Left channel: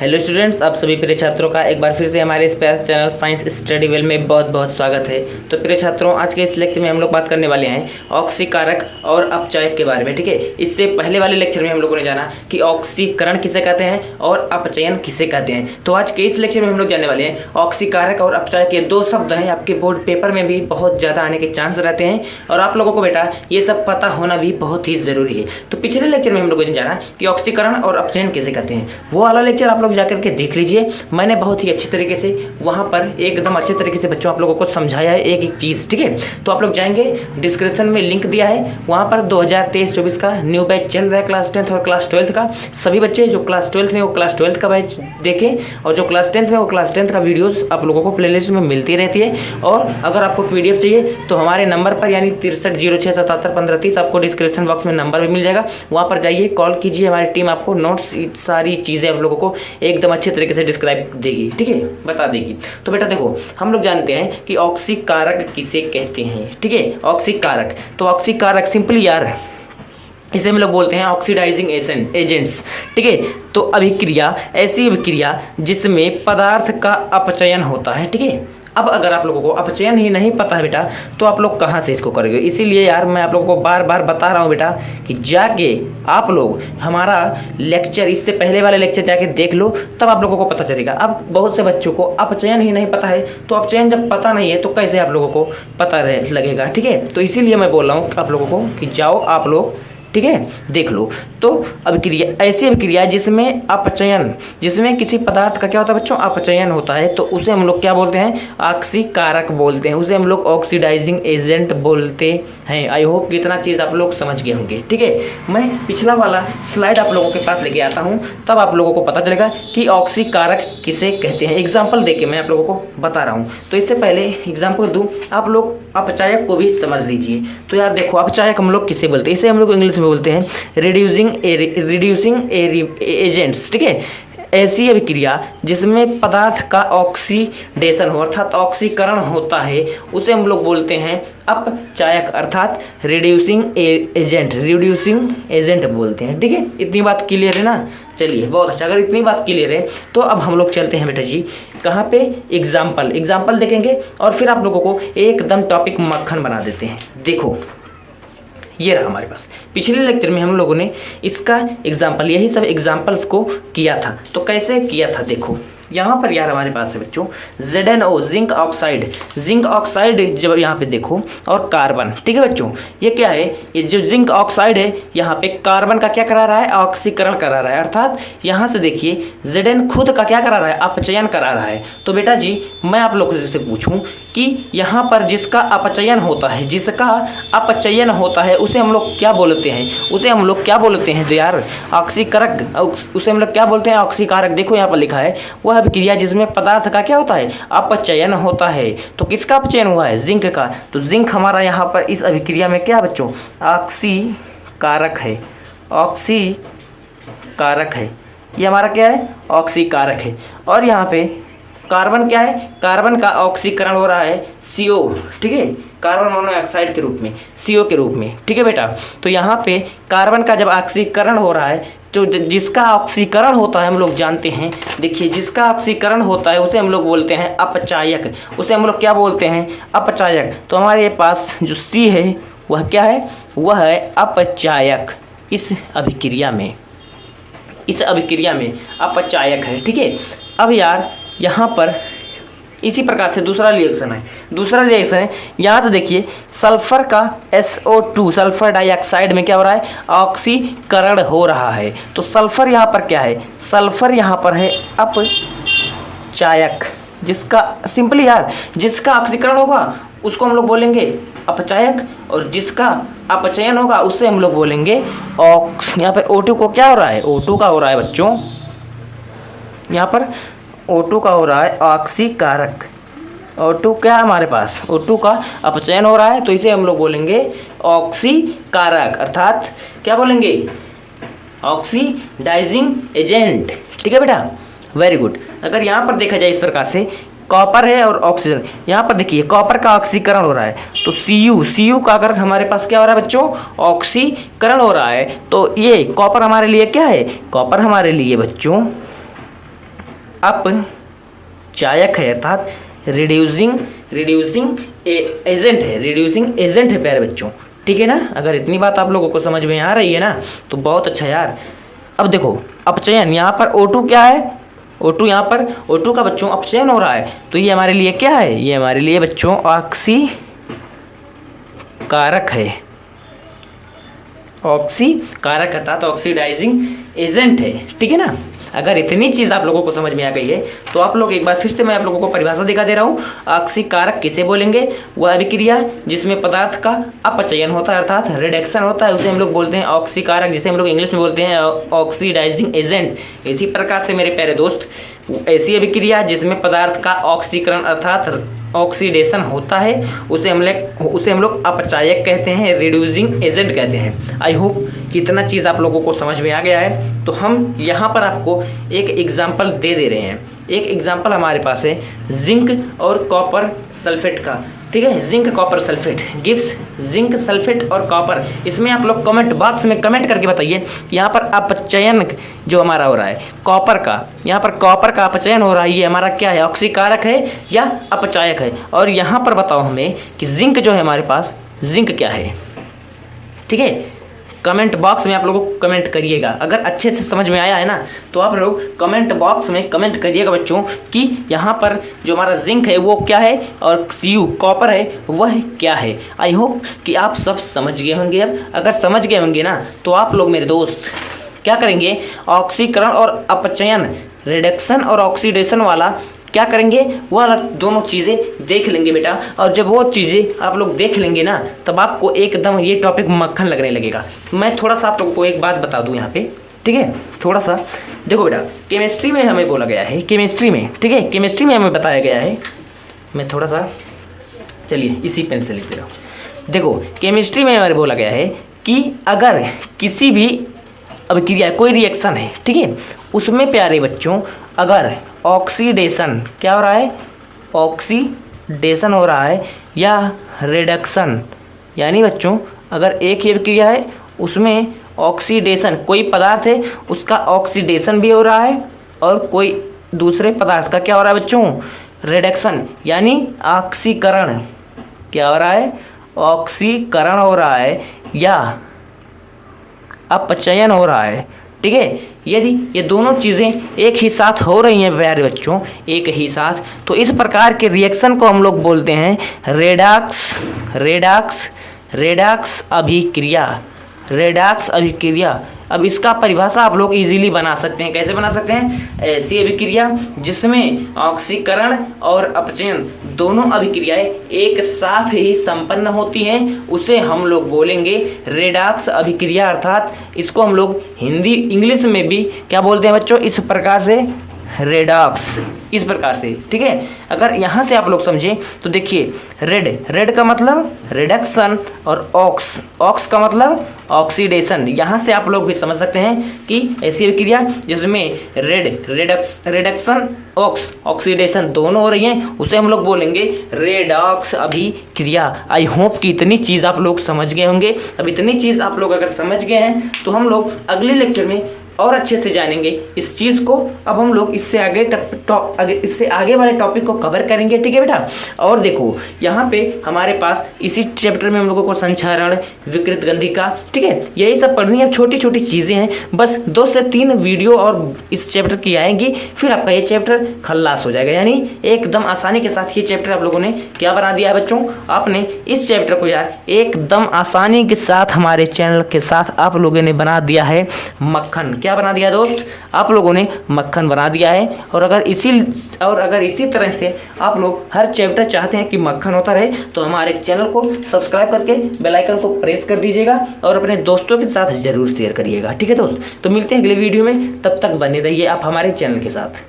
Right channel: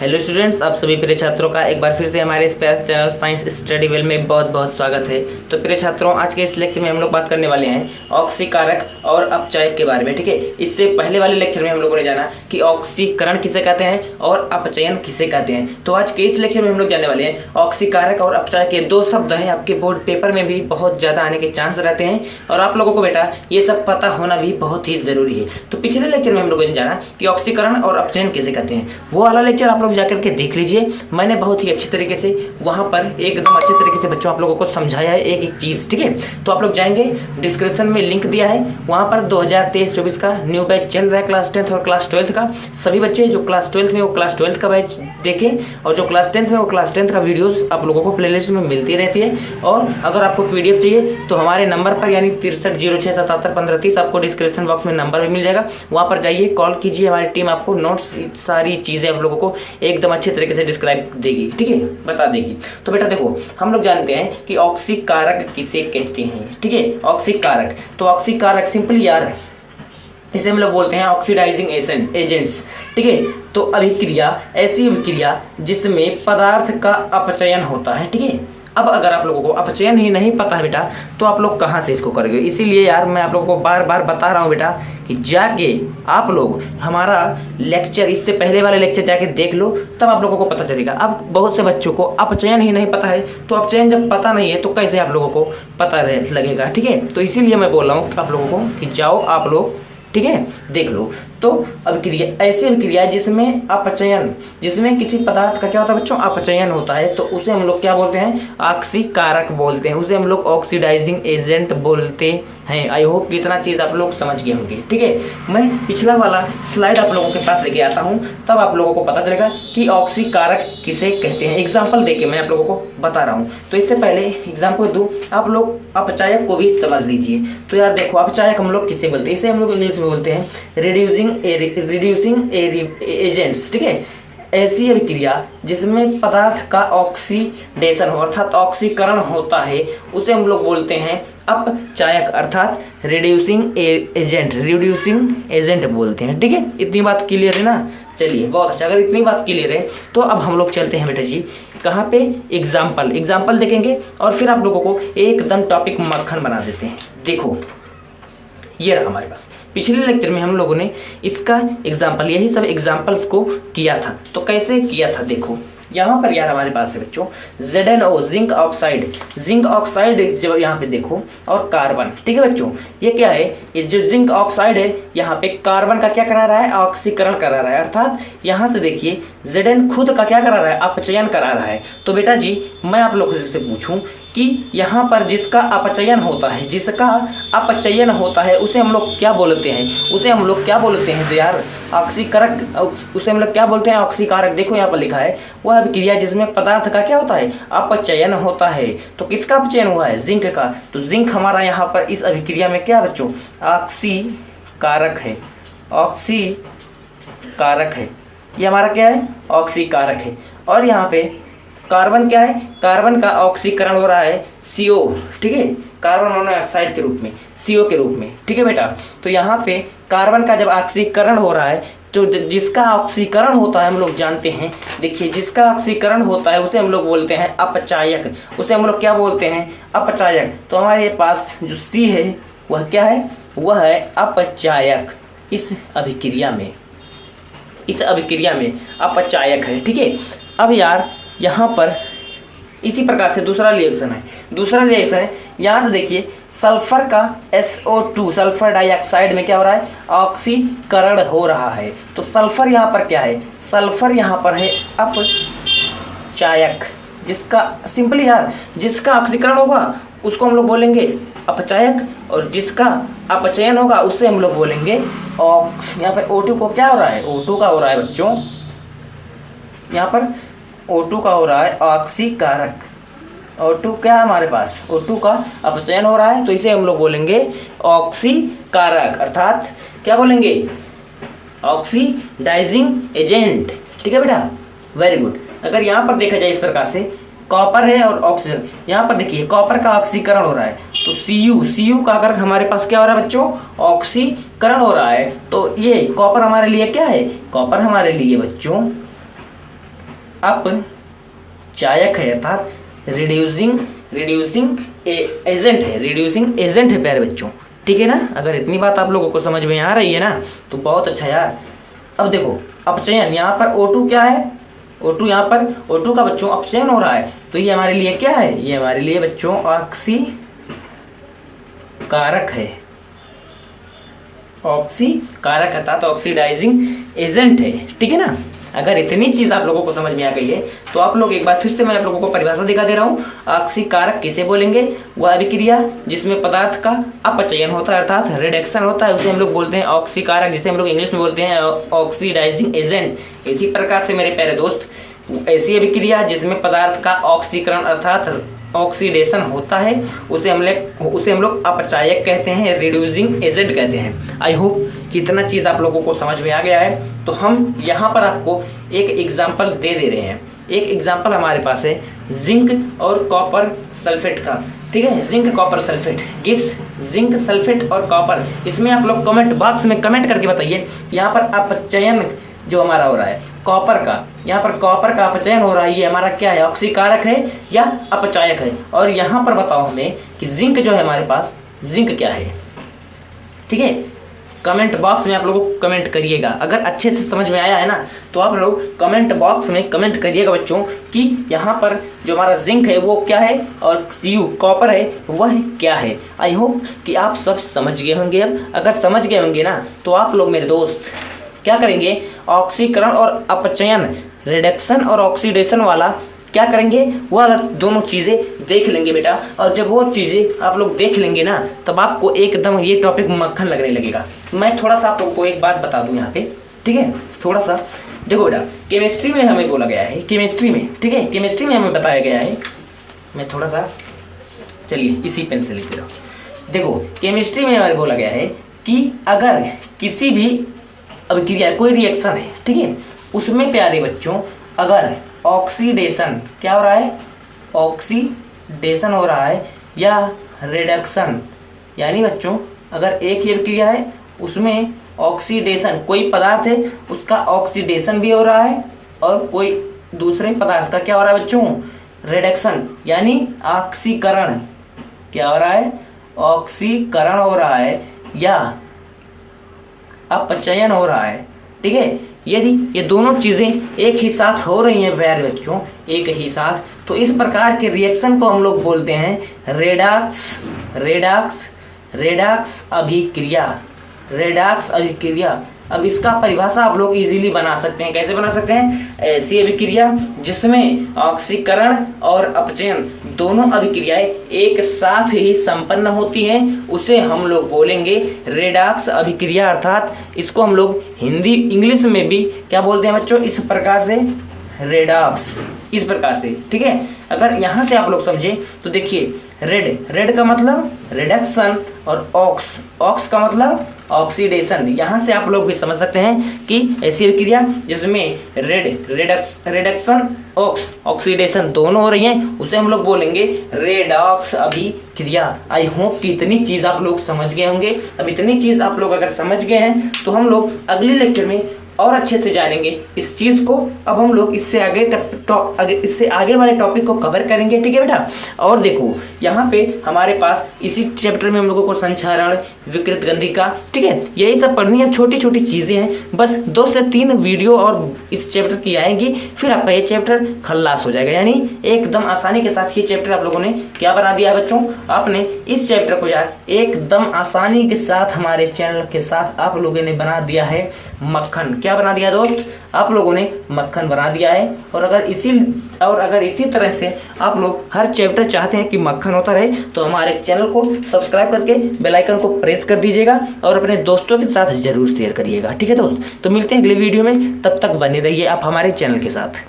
Hello students, आप सभी प्रिय छात्रों का एक बार फिर से हमारे space channel science study well में बहुत बहुत स्वागत है। तो प्रिय छात्रों, आज के इस लेक्चर में हम लोग बात करने वाले हैं ऑक्सीकारक और अपचायक के बारे में। ठीक है, इससे पहले वाले लेक्चर में हम लोगों ने जाना कि ऑक्सीकरण किसे कहते हैं और अपचयन किसे कहते हैं। तो आज के इस लेक्चर में हम लोग जानने वाले हैं ऑक्सीकारक और अपचायक के दो शब्द हैं, आपके बोर्ड पेपर में भी बहुत ज़्यादा आने के चांस रहते हैं और आप लोगों को बेटा ये सब पता होना भी बहुत ही ज़रूरी है। तो पिछले लेक्चर में हम लोगों ने जाना कि ऑक्सीकरण और अपचयन किसे कहते हैं। वो वाला लेक्चर आप लोग जाकर के देख लीजिए, मैंने बहुत ही अच्छी तरीके से वहां पर एकदम अच्छे तरीके से बच्चों आप लोगों को समझाया है एक एक चीज़। ठीक है, तो आप लोग जाएंगे, डिस्क्रिप्शन में लिंक दिया है, वहां पर 2023-24 का न्यू बैच चल रहा है क्लास 10th और क्लास 12th का। सभी बच्चे जो क्लास 12th में वो क्लास 12th का बैच देखें और जो क्लास 10th में वो क्लास 10th का वीडियोस आप लोगों को प्लेलिस्ट में मिलती रहती है। और अगर आपको पीडीएफ चाहिए तो हमारे नंबर पर यानी 6306771530 आपको डिस्क्रिप्शन बॉक्स में नंबर भी मिल जाएगा, वहां पर जाइए, कॉल कीजिए, हमारी टीम आपको नोट्स सारी चीज़ें आप लोगों को एकदम अच्छे तरीके से डिस्क्राइब देगी। ठीक है, बता देगी। तो बेटा देखो, हम लोग जानते हैं कि ऑक्सीकारक किसे कहते हैं। ठीक है, ऑक्सीकारक, तो ऑक्सीकारक सिंपली यार इसे हम लोग बोलते हैं ऑक्सीडाइजिंग एजेंट्स। ठीक है, तो अभिक्रिया ऐसी अभिक्रिया जिसमें पदार्थ का अपचयन होता है। ठीक है, अब अगर आप लोगों को अपचयन ही नहीं पता है बेटा तो आप लोग कहाँ से इसको करोगे। इसीलिए यार मैं आप लोगों को बार बार बता रहा हूँ बेटा कि जाके आप लोग हमारा लेक्चर, इससे पहले वाले लेक्चर जाके देख लो, तब आप लोगों को पता चलेगा। अब बहुत से बच्चों को अपचयन ही नहीं पता है, तो अपचयन जब पता नहीं है तो कैसे आप लोगों को पता लगेगा। ठीक है, तो इसीलिए मैं बोल रहा हूँ आप लोगों को कि जाओ आप लोग, ठीक है, देख लो। तो अभिक्रिया ऐसी अभिक्रिया जिसमें अपचयन, जिसमें किसी पदार्थ का क्या होता है बच्चों, अपचयन होता है, तो उसे हम लोग क्या बोलते हैं, ऑक्सीकारक बोलते हैं, उसे हम लोग ऑक्सीडाइजिंग एजेंट बोलते हैं। आई होप कि इतना चीज़ आप लोग समझ गए होंगे। ठीक है, मैं पिछला वाला स्लाइड आप लोगों के पास लेके आता हूँ, तब आप लोगों को पता चलेगा कि ऑक्सीकारक किसे कहते हैं। एग्जाम्पल देके मैं आप लोगों को बता रहा हूँ। तो इससे पहले एग्जाम्पल दूँ, आप लोग अपचायक को भी समझ लीजिए। तो यार देखो, अपचायक हम लोग किसे बोलते हैं, इसे हम लोग इंग्लिश में बोलते हैं रिड्यूसिंग एजेंट्स। ठीक है, ऐसी अभिक्रिया जिसमें पदार्थ का ऑक्सीडेशन हो अर्थात ऑक्सीकरण होता है उसे हम लोग बोलते हैं अपचायक अर्थात रिड्यूसिंग एजेंट बोलते हैं। ठीक है, इतनी बात क्लियर है ना। चलिए, बहुत अच्छा। अगर इतनी बात क्लियर है तो अब हम लोग चलते हैं बेटा जी कहाँ पे, एग्जाम्पल देखेंगे और फिर आप लोगों को एकदम टॉपिक मक्खन बना देते हैं। देखो ये रहा हमारे पास, पिछले लेक्चर में हम लोगों ने इसका एग्जाम्पल, यही सब एग्जाम्पल्स को किया था। तो कैसे किया था देखो, यहाँ पर यार हमारे पास है बच्चों ZnO जिंक ऑक्साइड जब यहाँ पे देखो, और कार्बन। ठीक है बच्चों, ये क्या है, ये जो जिंक ऑक्साइड है यहाँ पे कार्बन का क्या करा रहा है, ऑक्सीकरण करा रहा है। अर्थात यहाँ से देखिए Zn खुद का क्या करा रहा है, अपचयन करा रहा है। तो बेटा जी मैं आप लोगों से पूछूं कि यहाँ पर जिसका अपचयन होता है उसे हम लोग क्या बोलते हैं, तो यार ऑक्सीकारक, उसे हम लोग क्या बोलते हैं, ऑक्सीकारक। देखो यहाँ पर लिखा है वह अभिक्रिया जिसमें पदार्थ का क्या होता है, अपचयन होता है। तो किसका अपचयन हुआ है, जिंक का। तो जिंक हमारा यहाँ पर इस अभिक्रिया में क्या है बच्चों, ऑक्सीकारक है। ये हमारा क्या है, ऑक्सीकारक है। और यहाँ पे कार्बन क्या है, कार्बन का ऑक्सीकरण हो रहा है CO। ठीक है, कार्बन मोनोऑक्साइड के रूप में, CO के रूप में। ठीक है बेटा, तो यहाँ पे कार्बन का जब ऑक्सीकरण हो रहा है तो जिसका ऑक्सीकरण होता है हम लोग जानते हैं, देखिए जिसका ऑक्सीकरण होता है उसे हम लोग बोलते हैं अपचायक, उसे हम लोग क्या बोलते हैं, अपचायक। तो हमारे पास जो C है वह क्या है, वह है अपचायक। इस अभिक्रिया में अपचायक है। ठीक है, अब यार यहाँ पर इसी प्रकार से दूसरा रिएक्शन है। यहाँ से देखिए सल्फर का SO2 सल्फर डाइऑक्साइड में क्या हो रहा है, ऑक्सीकरण हो रहा है। तो सल्फर यहाँ पर क्या है, सल्फर यहाँ पर है अपचायक, जिसका सिंपली यार जिसका ऑक्सीकरण होगा उसको हम लोग बोलेंगे अपचायक, और जिसका अपचयन होगा उससे हम लोग बोलेंगे यहाँ पे O2 को क्या हो रहा है, O2 का हो रहा है बच्चों, यहाँ पर O2 का हो रहा है ऑक्सीकारक। O2 क्या है हमारे पास, O2 का अपचयन हो रहा है, तो इसे हम लोग बोलेंगे ऑक्सीकारक अर्थात क्या बोलेंगे, ऑक्सीडाइजिंग एजेंट। ठीक है बेटा, वेरी गुड। अगर यहाँ पर देखा जाए इस प्रकार से, कॉपर है और ऑक्सीजन, यहाँ पर देखिए कॉपर का ऑक्सीकरण हो रहा है, तो Cu का अगर हमारे पास क्या हो रहा है बच्चों, ऑक्सीकरण हो रहा है, तो ये कॉपर हमारे लिए क्या है, कॉपर हमारे लिए बच्चों अपचायक है, अर्थात रिड्यूसिंग एजेंट है, रिड्यूसिंग एजेंट है प्यारे बच्चों, ठीक है ना। अगर इतनी बात आप लोगों को समझ में आ रही है ना तो बहुत अच्छा यार। अब देखो अपचयन, यहाँ पर O2 क्या है, O2 यहाँ पर O2 का बच्चों अपचयन हो रहा है, तो ये हमारे लिए क्या है, ये हमारे लिए बच्चों ऑक्सीकारक है, ऑक्सीकारक अर्थात ऑक्सीडाइजिंग एजेंट है, ठीक है ना। अगर इतनी चीज आप लोगों को समझ में आ गई है तो आप लोग एक बार फिर से मैं आप लोगों को परिभाषा दिखा दे रहा हूँ। ऑक्सीकारक किसे बोलेंगे, वह अभिक्रिया जिसमें पदार्थ का अपचयन होता है अर्थात रिडक्शन होता है, उसे हम लोग बोलते हैं ऑक्सीकारक, जिसे हम लोग इंग्लिश में बोलते हैं ऑक्सीडाइजिंग एजेंट। इसी प्रकार से मेरे प्यारे दोस्त, ऐसी अभिक्रिया जिसमें पदार्थ का ऑक्सीकरण अर्थात ऑक्सीडेशन होता है उसे हम लोग अपचायक कहते हैं, रिड्यूसिंग एजेंट कहते हैं। आई होप कि इतना चीज़ आप लोगों को समझ में आ गया है। तो हम यहाँ पर आपको एक एग्जाम्पल दे रहे हैं। एक एग्जाम्पल हमारे पास है जिंक और कॉपर सल्फेट का, ठीक है। Zinc copper sulphate gives zinc sulphate और कॉपर। इसमें आप लोग कमेंट बॉक्स में कमेंट करके बताइए यहाँ पर अपचयन जो हमारा हो रहा है कॉपर का, यहाँ पर कॉपर का अपचयन हो रहा है, ये हमारा क्या है, ऑक्सीकारक है या अपचायक है। और यहाँ पर बताओ हमें कि जिंक जो है हमारे पास, जिंक क्या है, ठीक है। कमेंट बॉक्स में आप लोगों को कमेंट करिएगा। अगर अच्छे से समझ में आया है ना तो आप लोग कमेंट बॉक्स में कमेंट करिएगा बच्चों कि यहाँ पर जो हमारा जिंक है वो क्या है और Cu कॉपर है वह क्या है। आई होप कि आप सब समझ गए होंगे। अब अगर समझ गए होंगे ना तो आप लोग मेरे दोस्त क्या करेंगे, ऑक्सीकरण और अपचयन, रिडक्शन और ऑक्सीडेशन वाला क्या करेंगे, वह दोनों चीज़ें देख लेंगे बेटा। और जब वो चीज़ें आप लोग देख लेंगे ना तब आपको एकदम ये टॉपिक मक्खन लगने लगेगा। मैं थोड़ा सा आप लोगों को एक बात बता दूं यहाँ पे, ठीक है। थोड़ा सा देखो बेटा, केमिस्ट्री में हमें बोला गया है, केमिस्ट्री में, ठीक है, केमिस्ट्री में हमें बताया गया है। मैं थोड़ा सा, चलिए इसी पेन से लिख रहा हूँ। देखो केमिस्ट्री में हमें बोला गया है कि अगर किसी भी अभिक्रिया, कोई रिएक्शन है, ठीक है, उसमें प्यारे बच्चों अगर ऑक्सीडेशन क्या हो रहा है, ऑक्सीडेशन हो रहा है या रिडक्शन, यानी बच्चों अगर एक ही अभिक्रिया है उसमें ऑक्सीडेशन, कोई पदार्थ है उसका ऑक्सीडेशन भी हो रहा है और कोई दूसरे पदार्थ का क्या हो रहा है बच्चों, रिडक्शन, यानी ऑक्सीकरण, क्या हो रहा है, ऑक्सीकरण हो रहा है या अपचयन हो रहा है, ठीक है। यदि ये दोनों चीज़ें एक ही साथ हो रही हैं प्यारे बच्चों, एक ही साथ, तो इस प्रकार के रिएक्शन को हम लोग बोलते हैं रेडॉक्स अभिक्रिया, रेडॉक्स अभिक्रिया। अब इसका परिभाषा आप लोग इजीली बना सकते हैं। कैसे बना सकते हैं, ऐसी अभिक्रिया जिसमें ऑक्सीकरण और अपचयन दोनों अभिक्रियाएं एक साथ ही संपन्न होती हैं उसे हम लोग बोलेंगे रेडॉक्स अभिक्रिया, अर्थात इसको हम लोग हिंदी इंग्लिश में भी क्या बोलते हैं बच्चों, इस प्रकार से रेडॉक्स, इस प्रकार से, ठीक है। अगर यहाँ से आप लोग समझे तो देखिए रेड का मतलब रिडक्शन और ऑक्स का मतलब ऑक्सीडेशन। यहाँ से आप लोग भी समझ सकते हैं कि ऐसी अभिक्रिया जिसमें रिडक्शन ऑक्सीडेशन दोनों हो रही हैं उसे हम लोग बोलेंगे रेडॉक्स अभिक्रिया। आई होप कि इतनी चीज़ आप लोग समझ गए होंगे। अब इतनी चीज़ आप लोग अगर समझ गए हैं तो हम लोग अगले लेक्चर में और अच्छे से जानेंगे इस चीज़ को। अब हम लोग इससे आगे वाले टॉपिक को कवर करेंगे, ठीक है बेटा। और देखो यहाँ पे हमारे पास इसी चैप्टर में हम लोगों को संचारण, विकृत गंधिका, ठीक है, यही सब पढ़नी है। छोटी छोटी चीज़ें हैं, बस 2 से 3 वीडियो और इस चैप्टर की आएंगी, फिर आपका ये चैप्टर खल्लास हो जाएगा। यानी एकदम आसानी के साथ ये चैप्टर आप लोगों ने क्या बना दिया है बच्चों, आपने इस चैप्टर को यार एकदम आसानी के साथ हमारे चैनल के साथ आप लोगों ने बना दिया है मक्खन। क्या बना दिया दोस्त, आप लोगों ने मक्खन बना दिया है। और अगर इसी तरह से आप लोग हर चैप्टर चाहते हैं कि मक्खन होता रहे तो हमारे चैनल को सब्सक्राइब करके बेल आइकन को प्रेस कर दीजिएगा और अपने दोस्तों के साथ जरूर शेयर करिएगा, ठीक है दोस्त। तो मिलते हैं अगले वीडियो में, तब तक बने रहिए आप हमारे चैनल के साथ।